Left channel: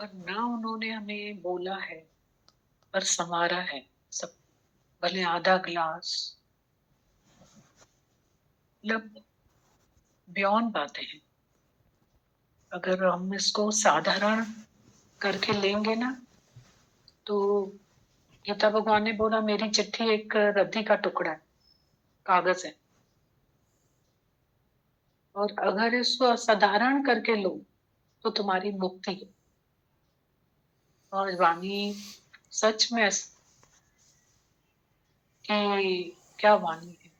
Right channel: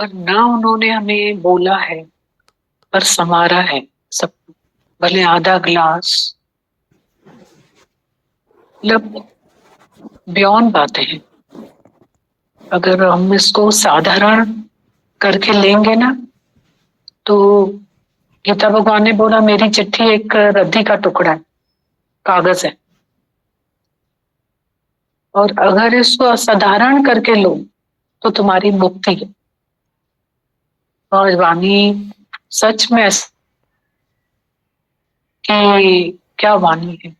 और ना उन्होंने हमें बोला है पर संवारा है सब। भले आधा ग्लास, मतलब बियॉन्ड बातें हैं। अगर हम इसको साधारण करके लेंगे ना, तो गीता भगवान ने बोला मेरी चिट्ठी एक रद्दी का टुकड़ा है, कागज है। और अगर इसको असाधारण करके लो तो तुम्हारी मुक्ति है। और वाणी सच में कि क्या वाणी है,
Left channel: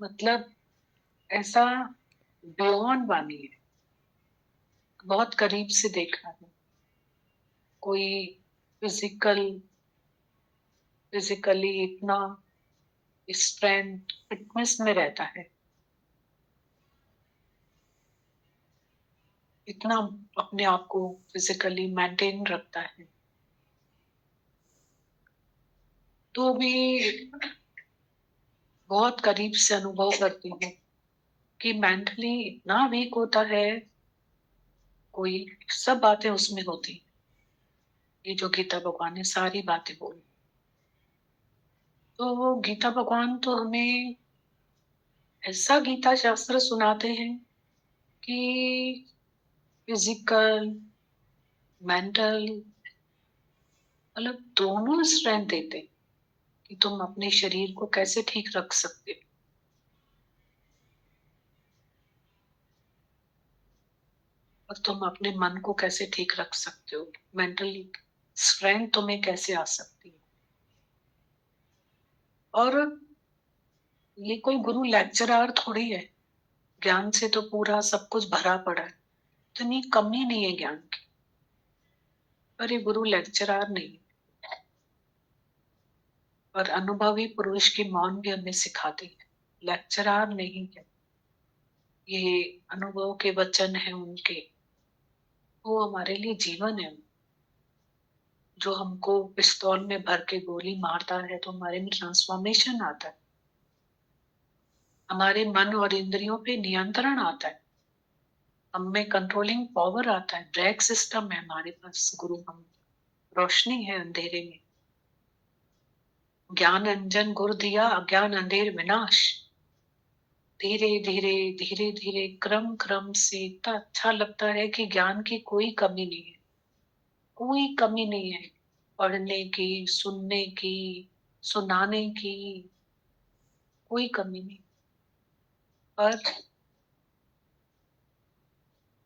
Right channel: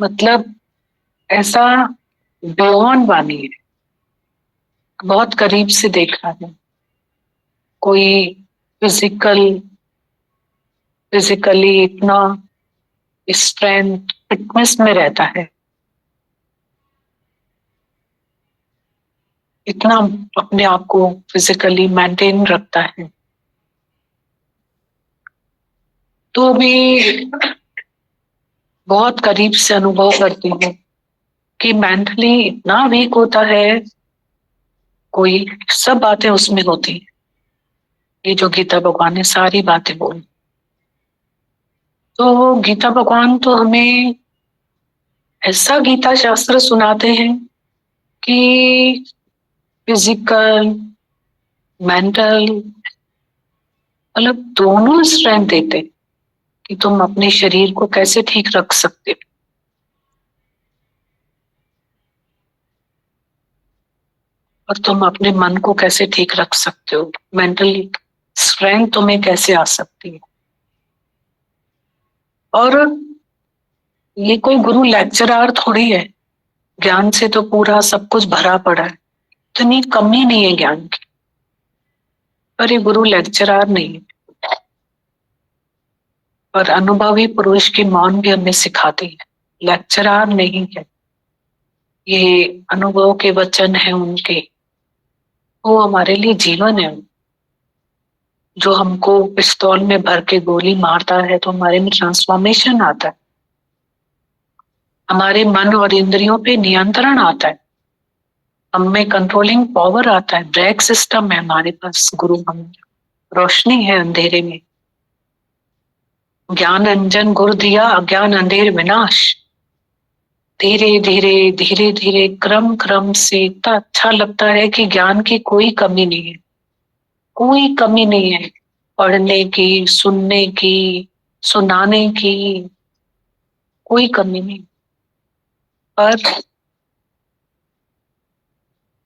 मतलब ऐसा बियॉन्ड वाणी है। बहुत करीब से देखा है। कोई फिजिकल फिजिकली इतना स्ट्रेंथ फिटनेस में रहता है, इतना अपने आप को फिजिकली मेंटेन रखता है, तो भी बहुत करीब से अनुभव करती हूँ कि मेंटली इतना वीक होता है कोई। सब बातें उसमें होती हैं, ये जो गीता भगवान ने सारी बातें बोली। तो गीता भगवान तो हमें ऐसा गीता शास्त्र सुनाते हैं कि फिजिकल मेंटल, मतलब दोनों स्ट्रेंथ देते कि तुम अपने शरीर को कैसे ठीक रख सकते हो, और तुम अपने मन को कैसे ठीक रख सकते हो। मेंटली स्ट्रेंथ तुम्हें कैसे आ सकती है। और ये कोई गुरु लेक्चरर थोड़ी है, ज्ञान से तो पूरा सब कुछ भरा पड़ा है, इतनी कमी नहीं है ज्ञान की। पर ये गुरु लेक्चरर नहीं है। और अनुभवी पुरुष की मौन भी हमें सिखाती है, लेक्चरर नहीं है। ये अनुभव के वचन है उनके, वो हमारे लिए जीवन है। जो हमको पिस्तौल में भर के गोली मारता है तो हमारे में ट्रांसफॉर्मेशन आता है, हमारे मन और इंद्रियों पे नियंत्रण आता है, हम में कंट्रोलिंग पावर आता है, ब्रेक सिस्टम है हमारे पास। गुरु हम रोशनी है अंधेरे में। ज्ञान अंजन गुरु दिया, अज्ञान अंधेर विनाश। धीरे धीरे धीरे धीरे क्रम क्रम से इतना अच्छा लगता है कि ज्ञान की कोई कमी नहीं है, कोई कमी नहीं है। पढ़ने की, सुनने की, सुनाने की कोई कमी नहीं। पर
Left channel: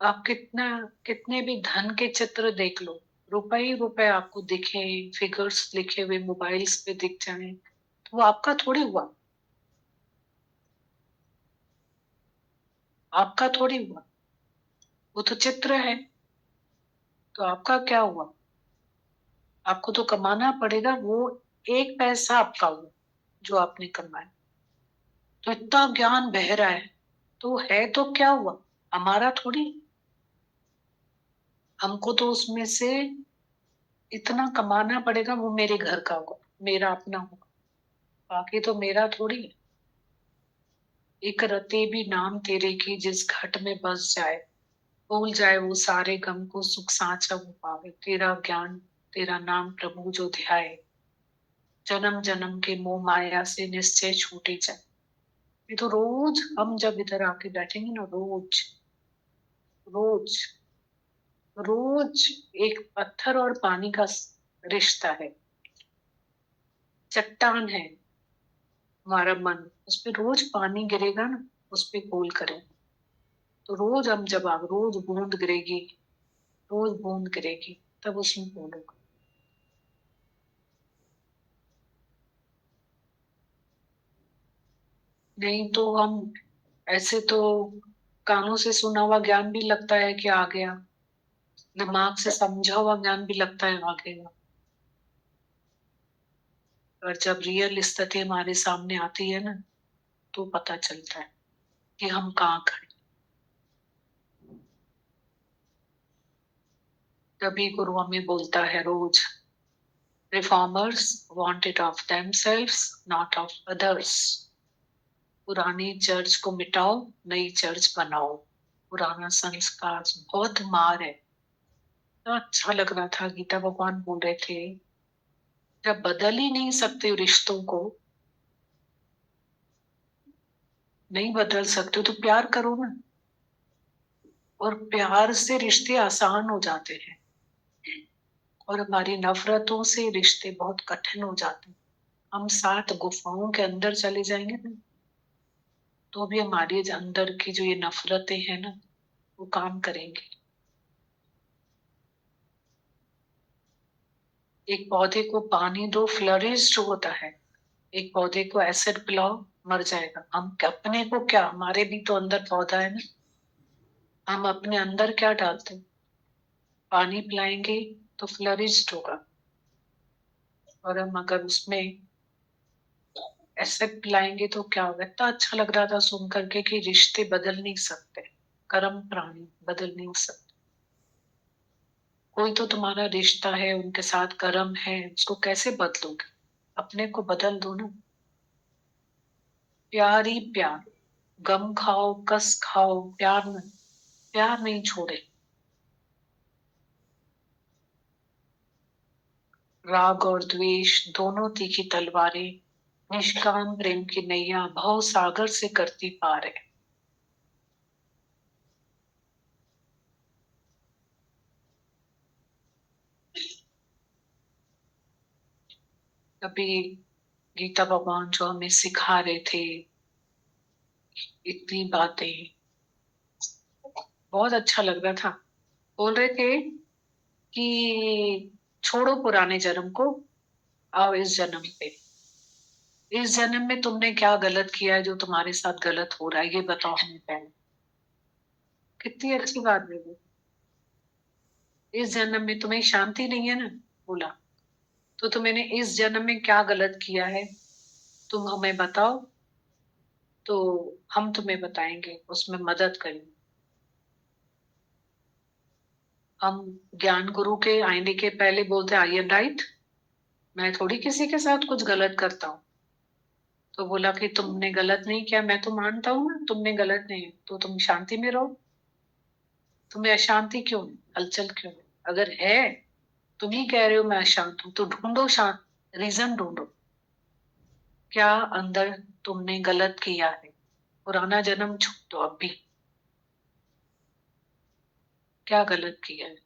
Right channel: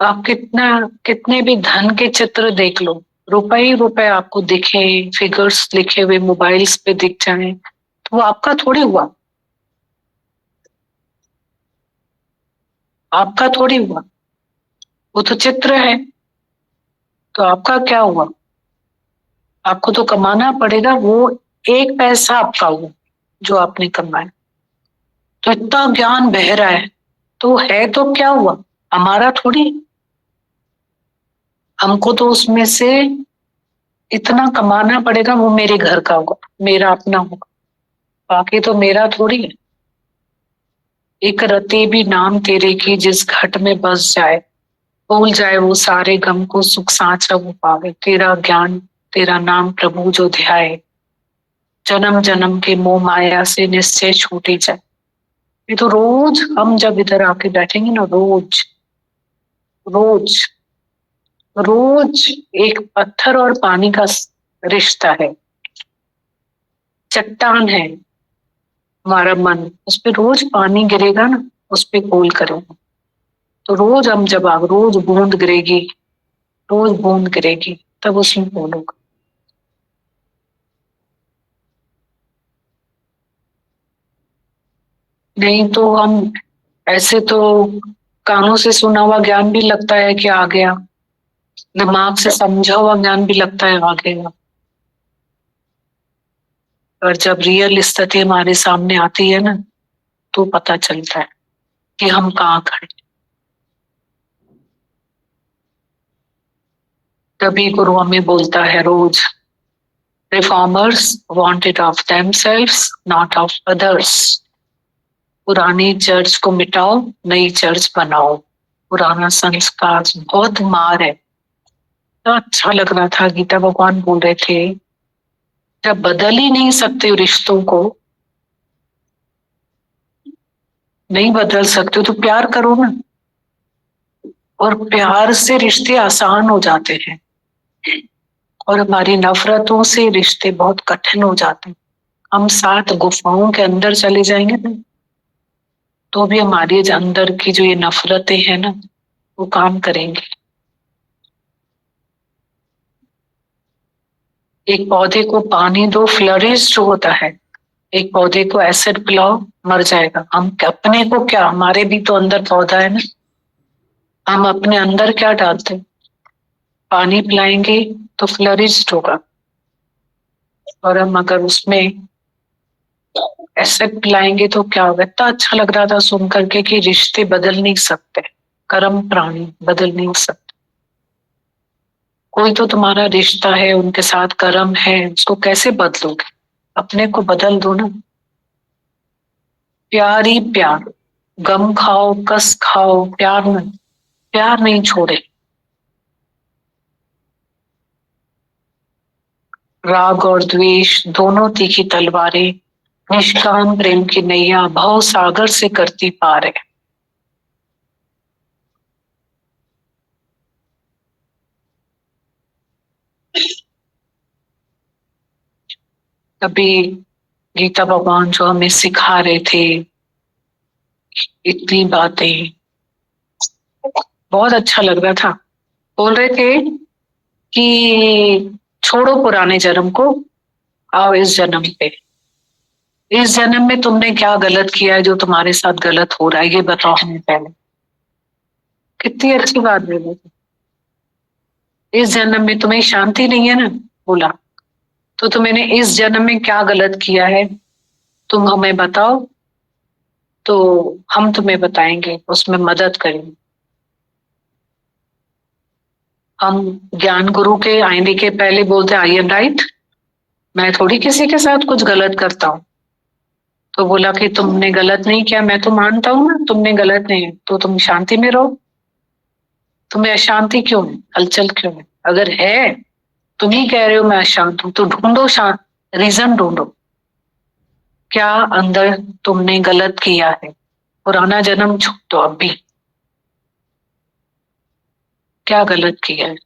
आप कितना कितने भी धन के चित्र देख लो, रुपए ही रुपए आपको दिखे, फिगर्स लिखे हुए मोबाइल्स पे दिख जाए, तो वो आपका थोड़ी हुआ, आपका थोड़ी हुआ। वो तो चित्र है, तो आपका क्या हुआ। आपको तो कमाना पड़ेगा, वो एक पैसा आपका हुआ जो आपने कमाया। तो इतना ज्ञान बह रहा है, तो है तो क्या हुआ, हमारा थोड़ी। हमको तो उसमें से इतना कमाना पड़ेगा, वो मेरे घर का होगा, मेरा अपना होगा, बाकी तो मेरा थोड़ी है। एक रति भी नाम तेरे की जिस घट में बस जाए, भूल जाए वो सारे गम को, सुख साचा वो पावे। तेरा ज्ञान तेरा नाम प्रभु जो ध्याए, जन्म जन्म के मोह माया से निश्चय छूटी जाए। ये तो रोज हम जब इधर आके बैठेंगे ना, रोज रोज रोज एक पत्थर और पानी का रिश्ता है, चट्टान है हमारा मन। उस पे रोज पानी गिरेगा ना, उस पे गोल करेगा। तो रोज हम जब रोज बूंद गिरेगी, रोज बूंद गिरेगी, तब उसमें गोल होगा। नहीं तो हम ऐसे तो कानों से सुना हुआ ज्ञान भी लगता है कि आ गया, दिमाग से समझा हुआ ज्ञान भी लगता है आ गया। और जब रियल स्थिति हमारे सामने आती है ना, तो पता चलता है कि हम कहाँ खड़े। तभी गुरु हमें बोलता है रोज, reformers want it of themselves not of others. पुरानी चर्च को मिटाओ, नई चर्च बनाओ। पुराना संस्कार बहुत मार है, तो अच्छा लग रहा था। गीता भगवान बोल रहे थे जब बदल ही नहीं सकते हो रिश्तों को, नहीं बदल सकते हो तो प्यार करो ना। और प्यार से रिश्ते आसान हो जाते हैं, और हमारी नफरतों से रिश्ते बहुत कठिन हो जाते हैं। हम 7 गुफाओं के अंदर चले जाएंगे ना, तो भी हमारी जो अंदर की जो ये नफरतें हैं ना, वो काम करेंगे। एक पौधे को पानी दो, फ्लरिश जो होता है। एक पौधे को एसिड पिलाओ, मर जाएगा। हम अपने को क्या, हमारे भी तो अंदर पौधा है ना, हम अपने अंदर क्या डालते हैं? पानी पिलाएंगे तो फ्लरिश होगा। और हम अगर उसमें एसिड पिलाएंगे तो क्या होगा? इतना अच्छा लग रहा था सुन करके कि रिश्ते बदल नहीं सकते, कर्म प्राणी बदल नहीं सकते। कोई तो तुम्हारा रिश्ता है, उनके साथ कर्म है, उसको कैसे बदलोगे? अपने को बदल दो ना। प्यार ही प्यार, गम खाओ कस खाओ, प्यार नहीं, प्यार नहीं छोड़े। राग और द्वेष दोनों तीखी तलवारें, निष्काम प्रेम की नैया भव सागर से करती पार है। तभी गीता भगवान जो हमें सिखा रहे थे इतनी बातें, बहुत अच्छा लग रहा था। बोल रहे थे कि छोड़ो पुराने जन्म को, आओ इस जन्म पे। इस जन्म में तुमने क्या गलत किया है जो तुम्हारे साथ गलत हो रहा है, ये बताओ हमें पहले। कितनी अच्छी बात बोली। इस जन्म में तुम्हें शांति नहीं है ना, बोला, तो तुमने इस जन्म में क्या गलत किया है तुम हमें बताओ, तो हम तुम्हें बताएंगे, उसमें मदद करेंगे। हम ज्ञान गुरु के आईने के पहले बोलते आई एम राइट, मैं थोड़ी किसी के साथ कुछ गलत करता हूँ। तो बोला कि तुमने गलत नहीं किया, मैं तो मानता हूँ ना तुमने गलत नहीं है, तो तुम शांति में रहो। तुम्हें अशांति क्यों है, हलचल क्यों है? अगर है, तुम ही कह रहे हो मैं अशांत हूं, तो ढूंढो शांत, रीजन ढूंढो। क्या अंदर तुमने गलत किया है? पुराना जन्म छोड़ दो अभी, क्या गलत किया है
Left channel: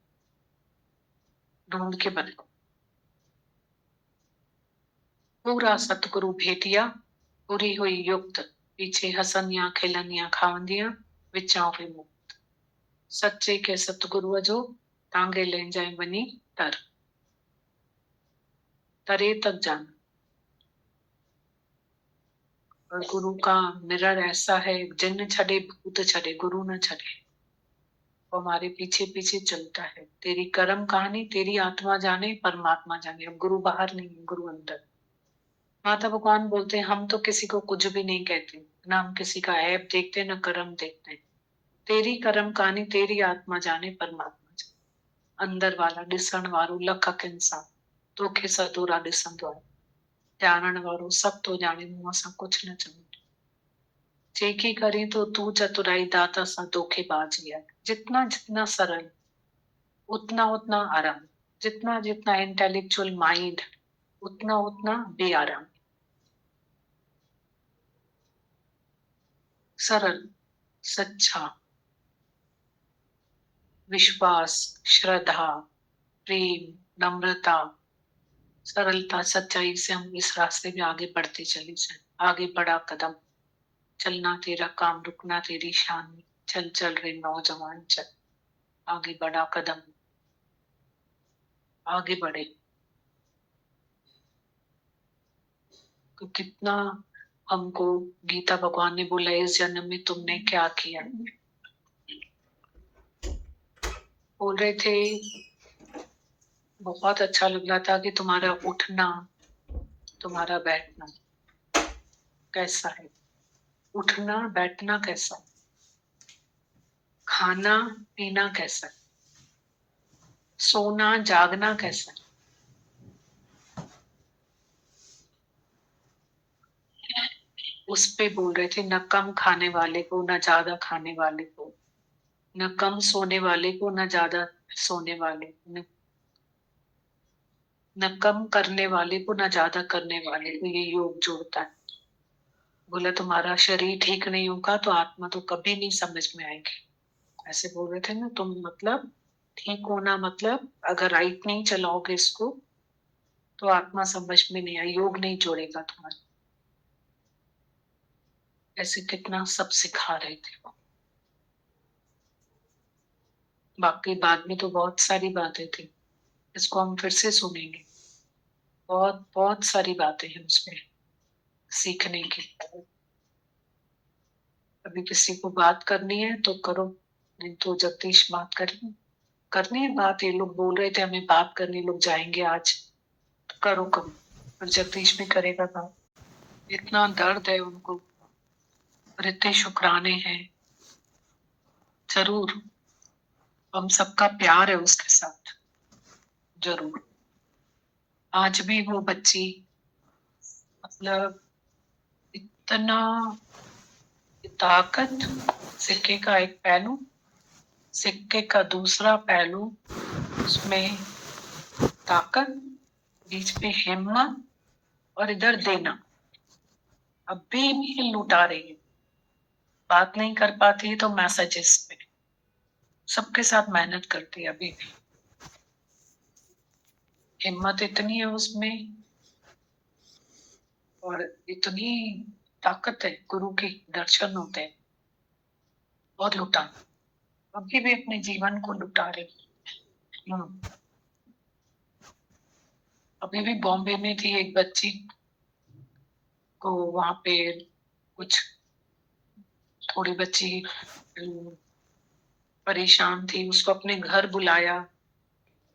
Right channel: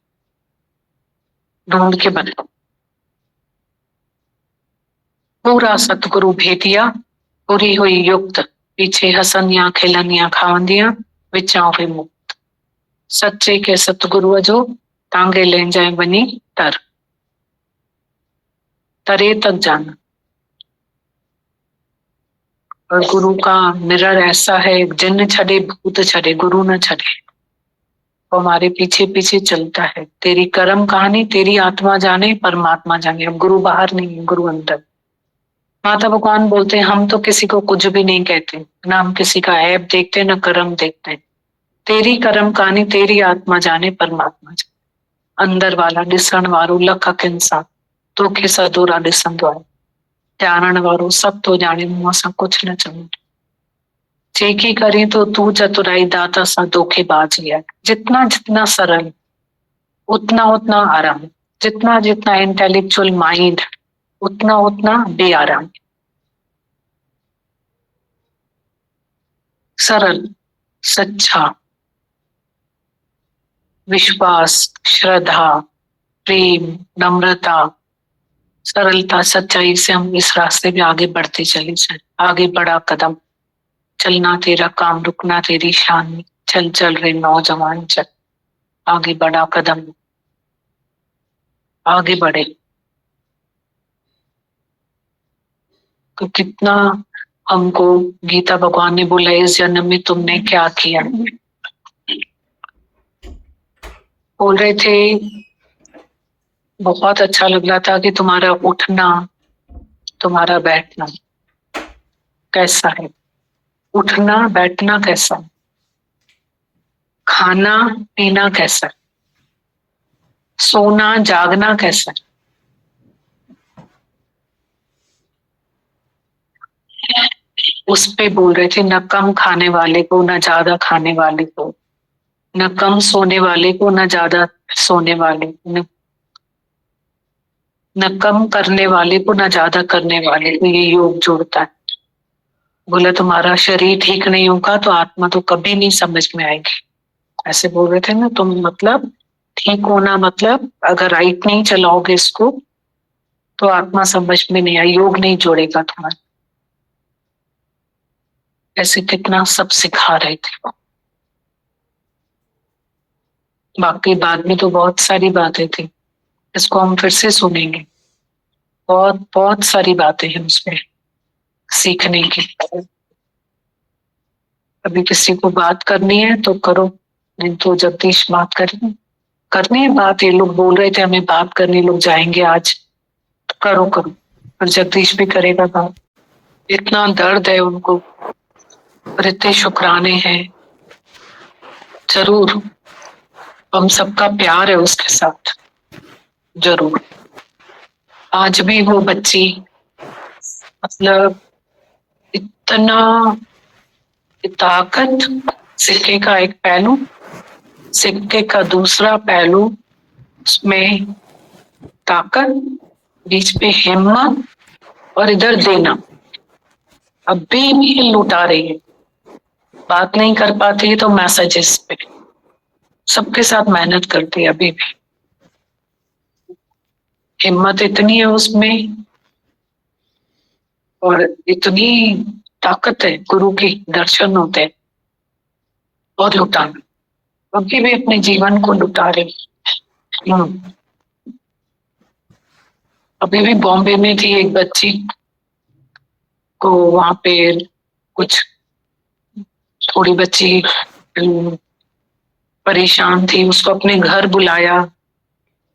ढूंढ के बताओ। पूरा सतगुरु भेटिया, पूरी हुई युक्त, पीछे हसनिया खिलनिया खावंदिया, विचाओ विमुक्त। सच्चे के सतगुरु जो तांगे ले जाए बनी तर, तरे तक जाना। और गुरु का मिरर ऐसा है, जिन छड़े भूत छड़े, गुरु न छड़े। वो हमारे पीछे पीछे चलता है। तेरी कर्म कहानी तेरी आत्मा जाने, परमात्मा जाने। अब गुरु बाहर नहीं है, गुरु अंदर। माता भगवान बोलते हैं हम तो किसी को कुछ भी नहीं कहते, ना हम किसी का ऐब देखते ना कर्म देखते। तेरी कर्म कहानी तेरी आत्मा जाने, परमात्मा जाने। अंदर वाला ॾिसण वारो लख इंसान, तोखे सदोरा ॾिसंदो आहे। ॼाणण वारो सब तो जाने, मुंह सां कुछ न चवंदो। जेकी करी तो तू चतुराई दाता सा धोखेबाजी है। जितना जितना सरल, उतना उतना आराम। जितना जितना इंटेलेक्चुअल माइंड, उतना उतना बेआराम। सरल, सच्चा, विश्वास, श्रद्धा, प्रेम, नम्रता, सरलता, सच्चाई से हम इस रास्ते में आगे बढ़ते चले जाए। आगे बढ़ा कदम, चलना तेरा काम, रुकना तेरी शान। चल चल रे नौजवान चल, आगे बढ़ा कदम, आगे बढ़े। तो कितना हमको गीता भगवान ने बोला इस जन्म में तुमने क्या किया। बोल रहे थे बहुत अच्छा लग रहा था कि तुम्हारा उठना, तुम्हारा बैठना कैसा है। उठना बैठना कैसा है, खाना पीना कैसा है, सोना जागना कैसा है। उस पे बोल रहे थे न कम खाने वाले को, न ज्यादा खाने वाले को, न कम सोने वाले को न ज्यादा सोने वाले को, न कम करने वाले को न ज्यादा करने वाले को ये योग जोड़ता है। बोला तुम्हारा शरीर ठीक नहीं होगा तो आत्मा तो कभी नहीं समझ में आएगी, ऐसे बोल रहे थे ना तुम। मतलब ठीक होना मतलब अगर राइट नहीं चलाओगे इसको तो आत्मा समझ में नहीं आई, योग नहीं जोड़ेगा तुम्हारा। ऐसे कितना सब सिखा रहे थे। बाकी बाद में तो बहुत सारी बातें थी, इसको हम फिर से सुनेंगे। बहुत बहुत सारी बातें हैं उसमें सीखने की। अभी किसी को बात करनी है तो करो, नहीं तो जगदीश बात करेंगे। करनी है बात, ये लोग बोल रहे थे हमें बात करनी, लोग जाएंगे आज, तो करो करो। और जगदीश भी करेगा बात। इतना दर्द है उनको और इतने शुक्राने हैं। जरूर हम सबका प्यार है उसके साथ, जरूर। आज भी वो बच्ची मतलब इतना ताकत, सिक्के का एक पहलू, सिक्के का दूसरा पहलू, उसमें ताकत, बीच में हिम्मत और इधर देना। अभी भी लुटा रही है, बात नहीं कर पाती है तो मैसेजेस पे सबके साथ मेहनत करती है। अभी भी हिम्मत इतनी है उसमें और इतनी ताकत है, गुरु की दर्शन होते हैं। और लुटाना, अभी भी अपने जीवन को लुटा रही। अभी भी बॉम्बे में थी एक बच्ची को, वहां पे कुछ थोड़ी बच्ची परेशान थी, उसको अपने घर बुलाया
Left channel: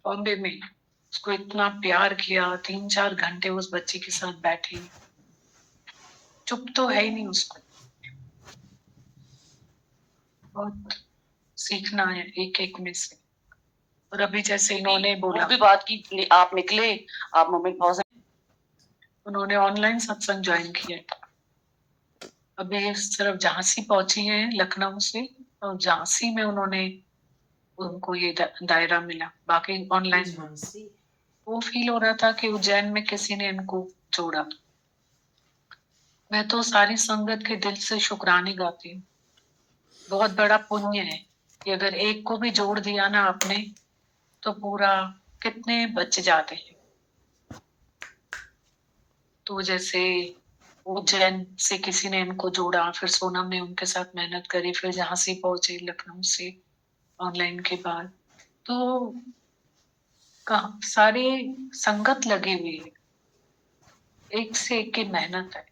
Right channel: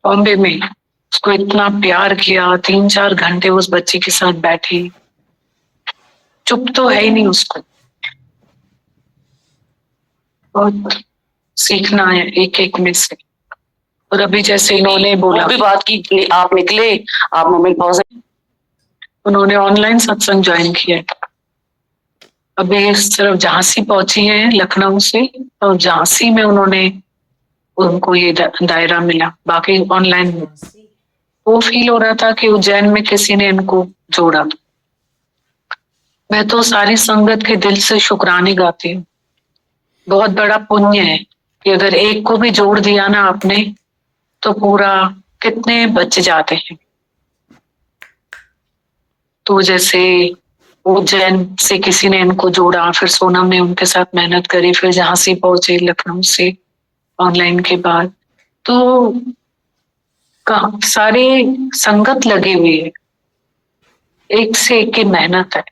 बॉम्बे में, उसको इतना प्यार किया, 3-4 घंटे उस बच्ची के साथ बैठी, चुप तो है ही नहीं उसको। बहुत सीखना है एक एक में से। और अभी जैसे इन्होंने बोला भी बात की, आप निकले, आप मोमेंट पहुंचे, उन्होंने ऑनलाइन सत्संग ज्वाइन किया है। अभी सिर्फ झांसी पहुंची है लखनऊ से, और झांसी में उन्होंने उनको ये दायरा मिला, बाकी ऑनलाइन। वो फील हो रहा था कि उज्जैन में किसी ने इनको जोड़ा। मैं तो सारी संगत के दिल से शुक्राने गाती हूँ। बहुत बड़ा पुण्य है कि अगर एक को भी जोड़ दिया ना आपने तो पूरा कितने बच जाते हैं। तो जैसे उज्जैन से किसी ने इनको जोड़ा, फिर सोनम ने उनके साथ मेहनत करी, फिर झांसी पहुंचे लखनऊ से ऑनलाइन के बाद। तो सारे संगत लगी हुई है, एक से एक की मेहनत है।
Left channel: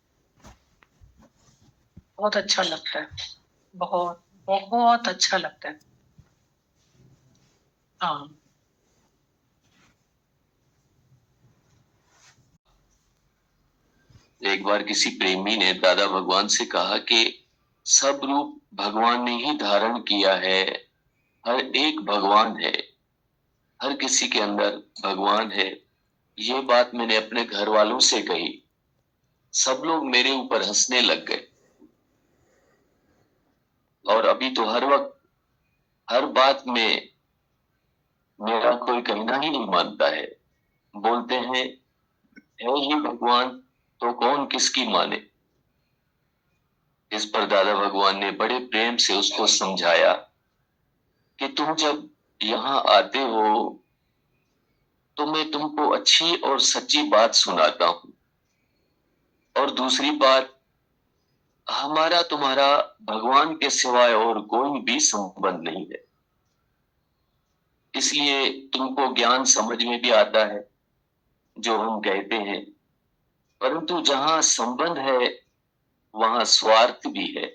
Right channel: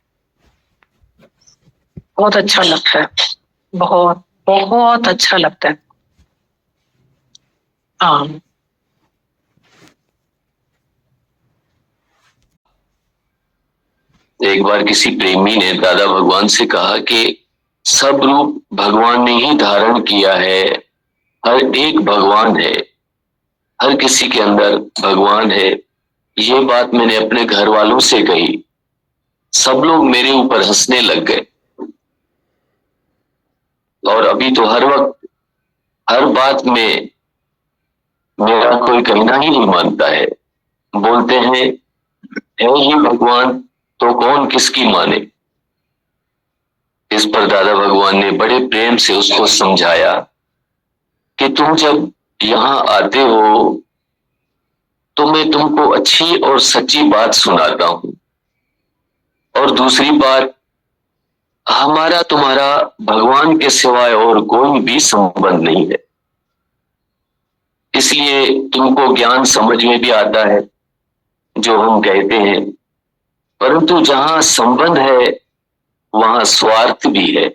बहुत अच्छा लगता है, बहुत बहुत अच्छा लगता है। हाँ, एक बार किसी प्रेमी ने दादा भगवान से कहा कि सब रूप भगवान ने ही धारण किया है, हर एक भगवान है, हर किसी के अंदर भगवान है। ये बात मैंने अपने घर वालों से कही, सब लोग मेरे ऊपर हंसने लग गए। और अभी तो हर वक्त हर बात में मेरा कोई कहना ही नहीं मानता है, बोलते हैं है ही भगवान तो कौन किसकी माने। इस पर दादा भगवान ने बड़े प्रेम से उसको समझाया कि तुम जब यहाँ आते हो तो मैं तुमको अच्छी और सच्ची बात सुनाता हूं, और दूसरी बात, हमारा तुम्हारा भगवान के सिवाय और कोई भी संबंध नहीं है, इसलिए तुमको ज्ञान समझ में भी आता है जो हम कहते हैं, परंतु जहां संबंध है वहां स्वार्थ भी है,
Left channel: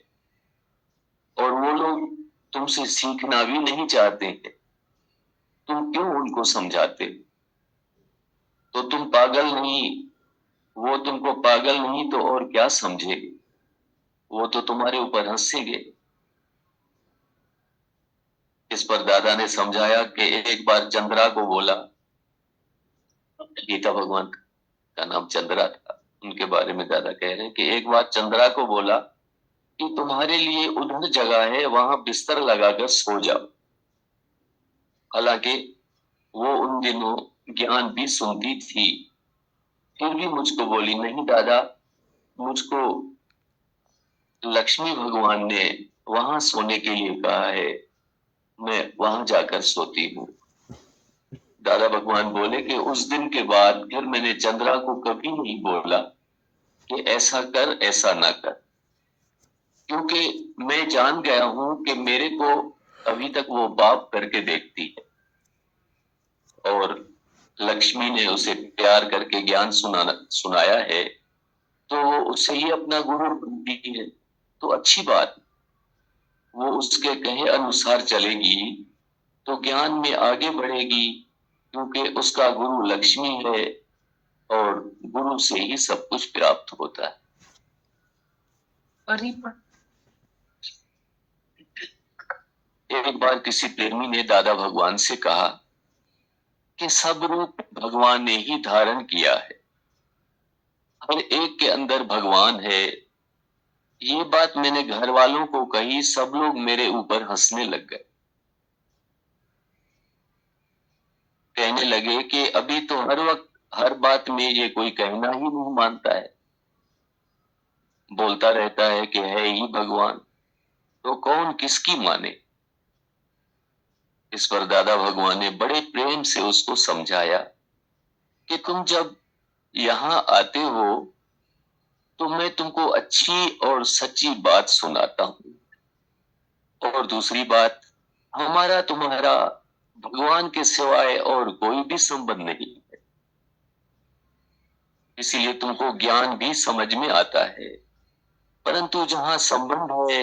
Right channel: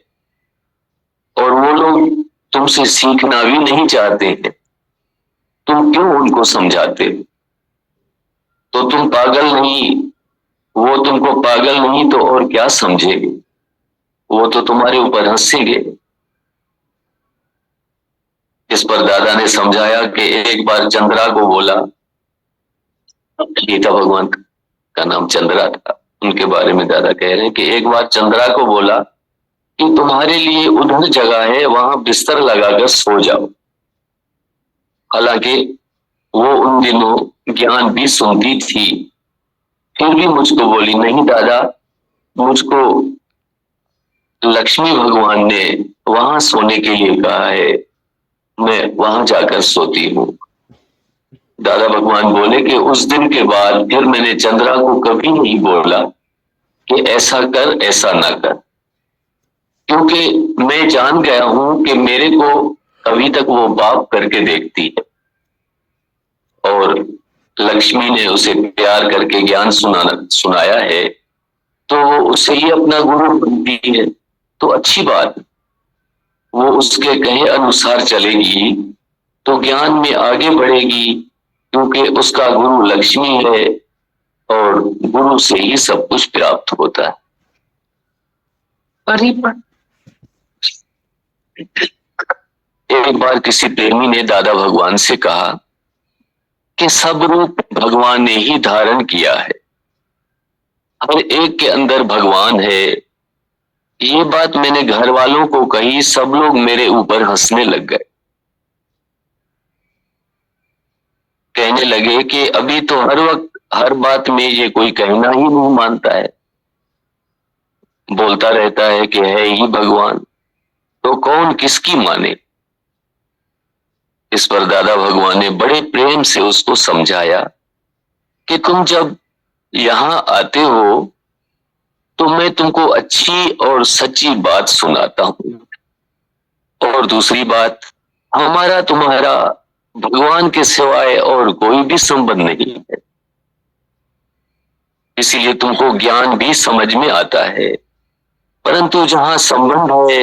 और वो लोग तुमसे सीखना भी नहीं चाहते हैं, तुम क्यों उनको समझाते हो। तो तुम पागल नहीं, वो तुमको पागल नहीं तो और क्या समझेंगे, वो तो तुम्हारे ऊपर हंसेंगे। इस पर दादा ने समझाया कि एक बार चंद्रा को बोला, गीता भगवान का नाम चंद्रा था, उनके बारे में दादा कह रहे हैं कि एक बार चंद्रा को बोला कि तुम्हारे लिए उधर जगह है, वहां बिस्तर लगाकर सो जाओ। हालांकि वो उन दिनों ज्ञान भी सुनती थी, फिर भी मुझको बोली, नहीं दादा, मुझको लक्ष्मी भगवान ने वहां सोने के लिए कहा है, मैं वहां जाकर सोती हूँ। दादा भगवान बोले कि उस दिन के बाद फिर मैंने चंद्रा को कभी नहीं बोला कि ऐसा कर ऐसा ना कर, क्योंकि मैं जान गया हूं कि मेरे को अभी तक वो बाप करके देखती है, और लक्ष्मी ने उसे प्यार करके ज्ञान सुनाया है, तो वो उसे ही अपना गुरु बनती है, तो अच्छी बात। वो उसके कहे अनुसार चलेगी तो ज्ञान में आगे बढ़ेगी, क्योंकि उसका गुरु लक्ष्मी है और गुरु से ही सब कुछ प्राप्त होता है। एक बार किसी प्रेमी ने दादा भगवान से कहा कि सब रूप भगवान ने ही धारण किया है, हर एक के अंदर भगवान है। ये बात मैंने घर वालों को कही, सब लोग मेरे ऊपर हंसने लग गए। कहने लगे कि अभी तो हर वक्त हर बात में ये कोई कहना ही नहीं मानता है, बोलता रहता है कि है ही भगवान, तो कौन किसकी माने। इस पर दादा भगवान ने बड़े प्रेम से उसको समझाया कि तुम जब यहां आते हो तो मैं तुमको अच्छी और सच्ची बात सुनाता हूं, और दूसरी बात, हमारा तुम्हारा भगवान के सिवाय और कोई भी संबंध नहीं है, इसीलिए तुमको ज्ञान भी समझ में आता है, परंतु जहां संबंध है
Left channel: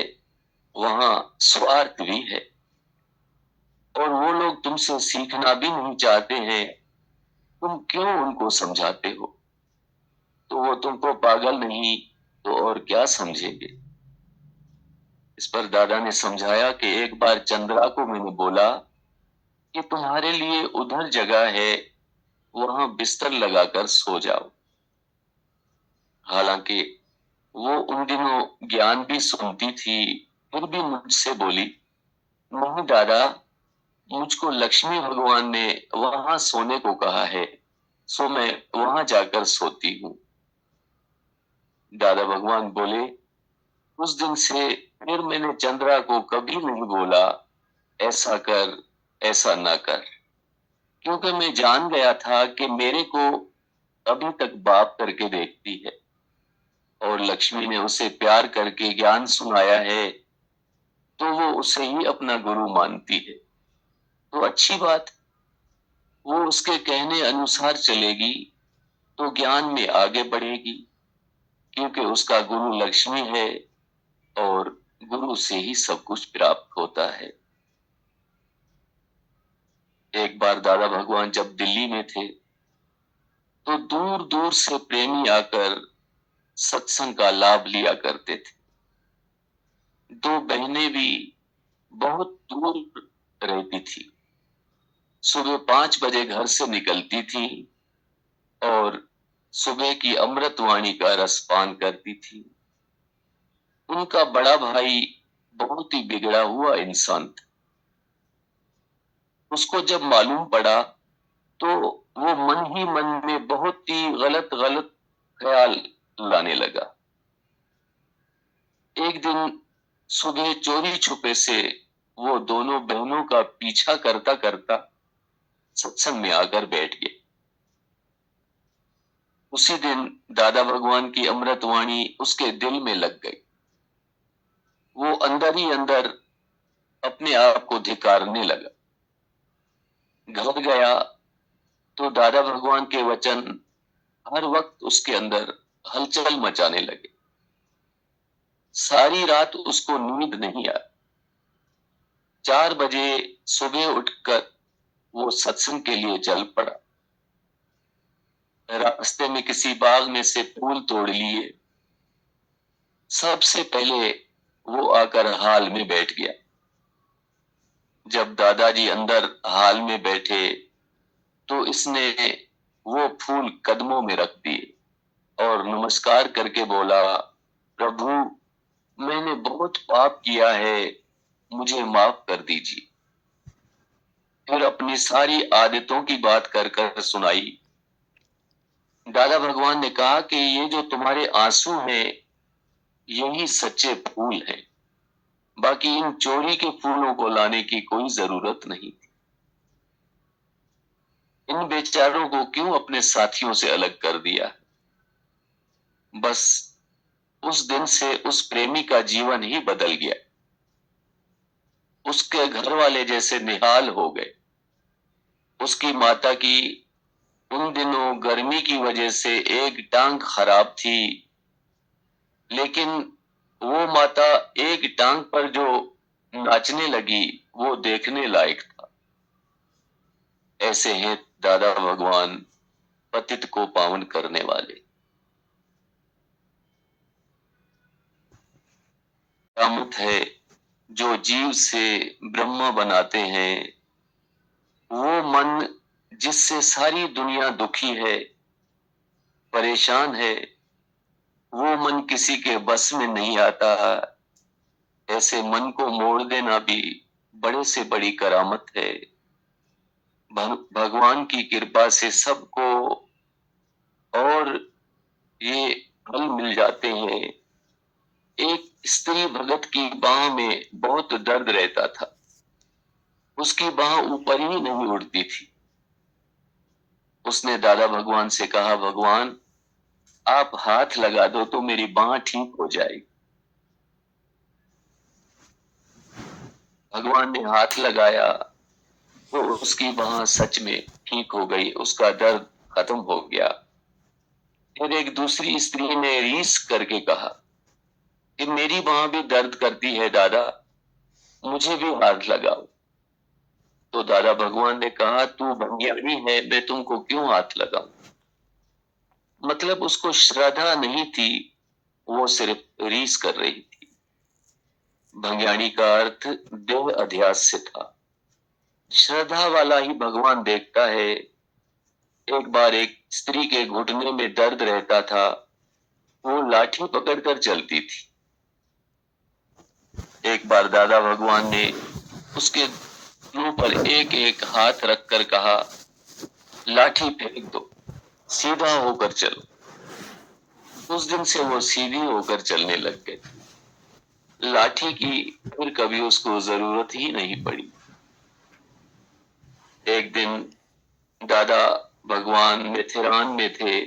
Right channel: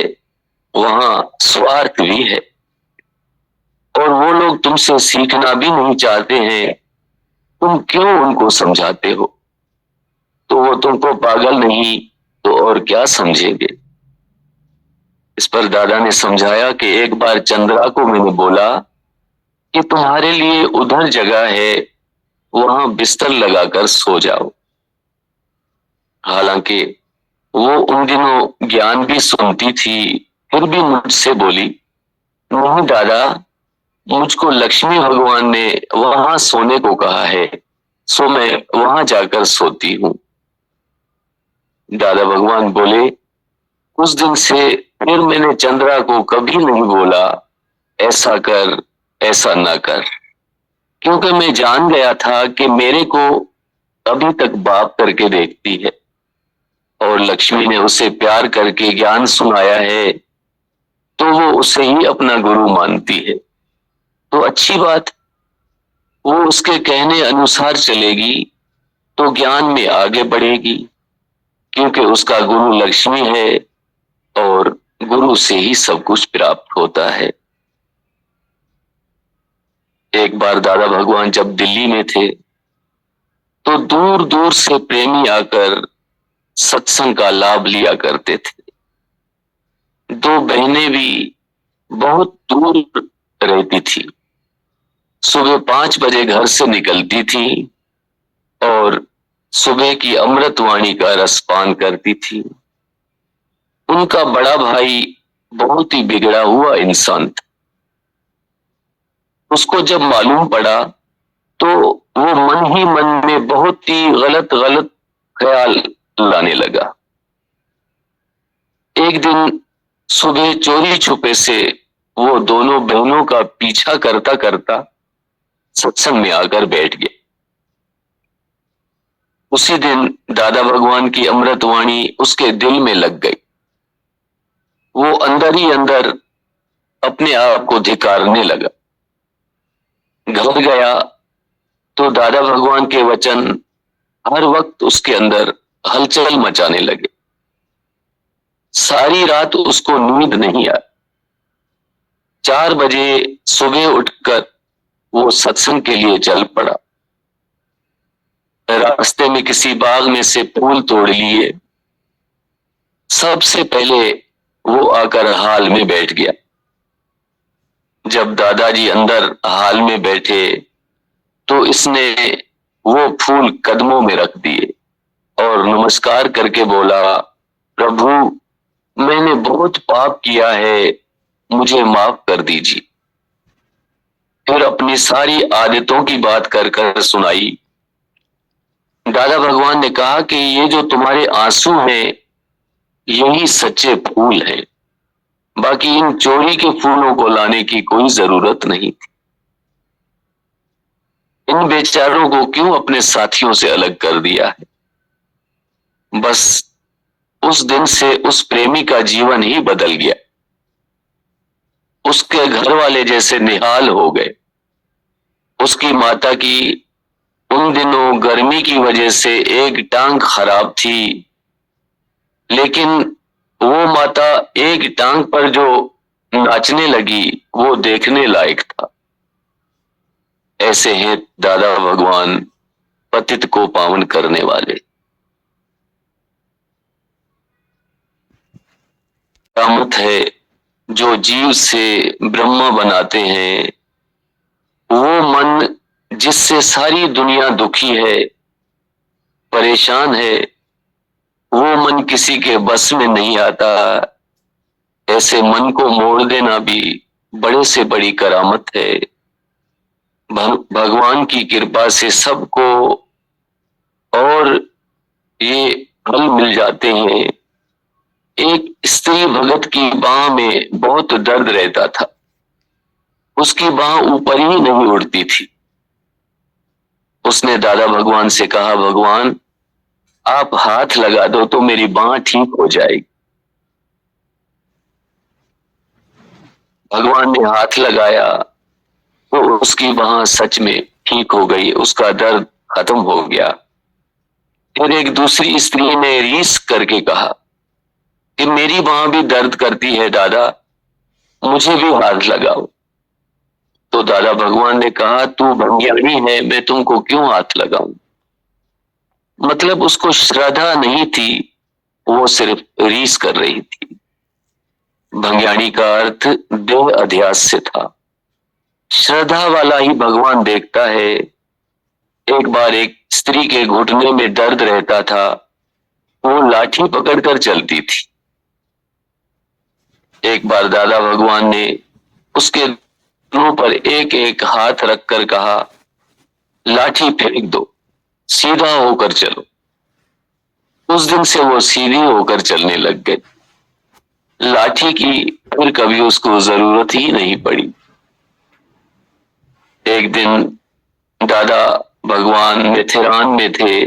वहां स्वार्थ भी है, और वो लोग तुमसे सीखना भी नहीं चाहते हैं, तुम क्यों उनको समझाते हो, तो वो तुमको पागल नहीं तो और क्या समझेंगे। इस पर दादा ने समझाया कि एक बार चंद्रा को मैंने बोला कि तुम्हारे लिए उधर जगह है, वहां बिस्तर लगाकर सो जाओ। हालांकि वो उन दिनों ज्ञान भी सुनती थी, फिर भी मुझसे बोली, नहीं दादा, मुझको लक्ष्मी भगवान ने वहां सोने को कहा है, सो मैं वहां जाकर सोती हूँ। दादा भगवान बोले, उस दिन से फिर मैंने चंद्रा को कभी नहीं बोला ऐसा कर ऐसा ना कर, क्योंकि मैं जान गया था कि मेरे को अभी तक बाप करके देखती है, और लक्ष्मी ने उसे प्यार करके ज्ञान सुनाया है, तो वो उसे ही अपना गुरु मानती है, तो अच्छी बात। वो उसके कहने अनुसार चलेगी तो ज्ञान में आगे बढ़ेगी, क्योंकि उसका गुरु लक्ष्मी है और गुरु से ही सब कुछ प्राप्त होता है। एक बार दादा भगवान जब दिल्ली में थे तो दूर दूर से प्रेमी आकर सत्संग का लाभ लिया करते थे। दो बहनें भी बहुत दूर रहती थी, सुबह 5 बजे घर से निकलती थी और सुबह की अमृतवाणी का रसपान करती थी। उनका बड़ा भाई बहुत ही बिगड़ा हुआ इंसान था। उसको जब मालूम पड़ा तो वो मन ही मन में बहुत ही गलत गलत ख्याल लाने लगा। एक दिन सुबह चोरी छुपे से वो दोनों बहनों का पीछा करता करता सत्संग में आकर बैठ गया। उसी दिन दादा भगवान की अमृतवाणी उसके दिल में लग गई। वो अंदर ही अंदर अपने आप को धिक्कारने लगा। घर गया तो दादा भगवान के वचन हर वक्त उसके अंदर हलचल मचाने लगे। सारी रात उसको नींद नहीं आई। 4 बजे सुबह उठकर वो सत्संग के लिए चल पड़ा। रास्ते में किसी बाग में से फूल तोड़ लिए। सबसे पहले वो आकर हाल में बैठ गया। जब दादाजी अंदर हाल में बैठे तो इसने वो फूल कदमों में रख दिए और नमस्कार करके बोला, प्रभु मैंने बहुत पाप किया है, मुझे माफ कर दीजिए। फिर अपनी सारी आदतों की बात कर कर सुनाई। दादा भगवान ने कहा कि ये जो तुम्हारे आंसू हैं, यही सच्चे फूल हैं, बाकी इन चोरी के फूलों को लाने की कोई जरूरत नहीं थी। इन बेचारों को क्यों अपने साथियों से अलग कर दिया है। बस उस दिन से उस प्रेमी का जीवन ही बदल गया। उसके घर वाले जैसे निहाल हो गए। उसकी माता की उन दिनों गर्मी की वजह से एक टांग खराब थी, लेकिन वो माता एक टांग पर जो नाचने लगी वो देखने लायक था। ऐसे हैं दादा भगवान, पतित को पावन करने वाले। कामत है जो जीव से ब्रह्मा बनाते हैं। वो मन जिससे सारी दुनिया दुखी है, परेशान है, वो मन किसी के बस में नहीं आता। ऐसे मन को मोड़ देना भी बड़े से बड़ी करामत है। भगवान की कृपा से सबको और ये फल मिल जाते हैं। एक स्त्री भगत की बाह में बहुत दर्द रहता था। उसकी बाह ऊपर ही नहीं उड़ती थी। उसने दादा भगवान से कहा, भगवान आप हाथ लगा दो तो मेरी बाह ठीक हो जाएगी। भगवान ने हाथ लगाया तो उसकी बाह सच में ठीक हो गई, उसका दर्द खत्म हो गया। फिर एक दूसरी स्त्री ने रीस करके कहा कि मेरी बाह भी दर्द करती है दादा, मुझे भी हाथ लगाओ। तो दादा भगवान ने कहा, तू भंग्याणी है, मैं तुमको क्यों हाथ लगाऊं। मतलब उसको श्रद्धा नहीं थी, वो सिर्फ रीस कर रही थी। भंग्याणी का अर्थ देह अध्यास से था। श्रद्धा वाला ही भगवान देखता है। एक बार एक स्त्री के घुटने में दर्द रहता था, वो लाठी पकड़कर चलती थी। एक बार दादा भगवान ने उसके मुंह पर एक एक हाथ रखकर कहा, लाठी फेंक दो, सीधा होकर चलो। उस दिन से वो सीधी होकर चलने लग गई। लाठी की फिर कभी उसको जरूरत ही नहीं पड़ी। एक दिन दादा भगवान मेथेरान में थे।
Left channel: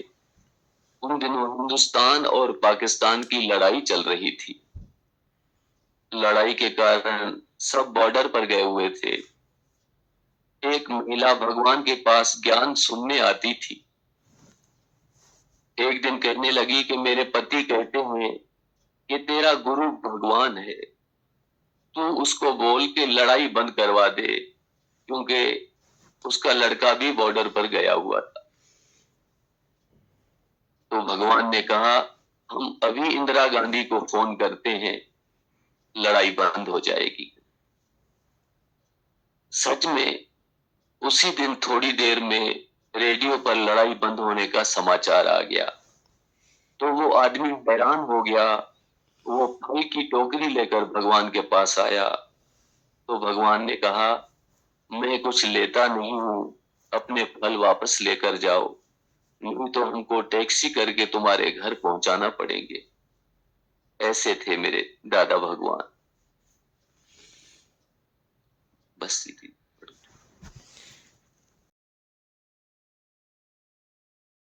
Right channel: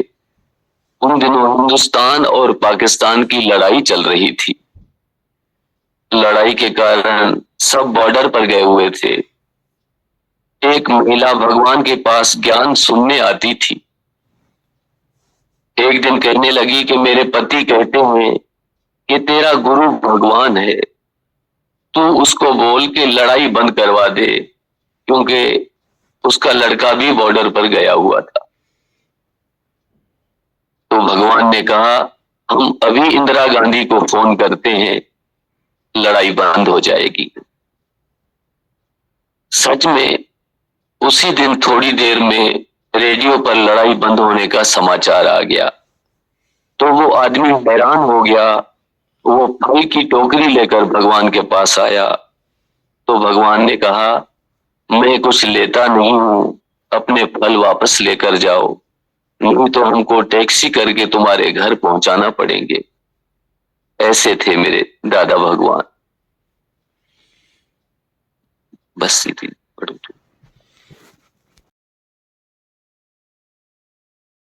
उन दिनों हिंदुस्तान और पाकिस्तान की लड़ाई चल रही थी। लड़ाई के कारण सब बॉर्डर पर गए हुए थे। एक महिला भगवान के पास ज्ञान सुनने आती थी। एक दिन कहने लगी कि मेरे पति कहते हैं कि तेरा गुरु भगवान है, तू उसको बोल के लड़ाई बंद करवा दे, क्योंकि उसका लड़का भी बॉर्डर पर गया हुआ था। तो भगवान ने कहा, हम अभी इंदिरा गांधी को फोन करते हैं, लड़ाई बंद हो जाएगी। सच में उसी दिन थोड़ी देर में रेडियो पर लड़ाई बंद होने का समाचार आ गया। तो वो आदमी हैरान हो गया। वो फल की टोकरी लेकर भगवान के पास आया। तो भगवान ने कहा, मैं कुछ लेता नहीं हूं, अपने फल वापस लेकर जाओ, नहीं तो हमको टैक्सी करके तुम्हारे घर पहुंचाना पड़ेंगे। ऐसे थे मेरे दादा भगवान। बस इतनी।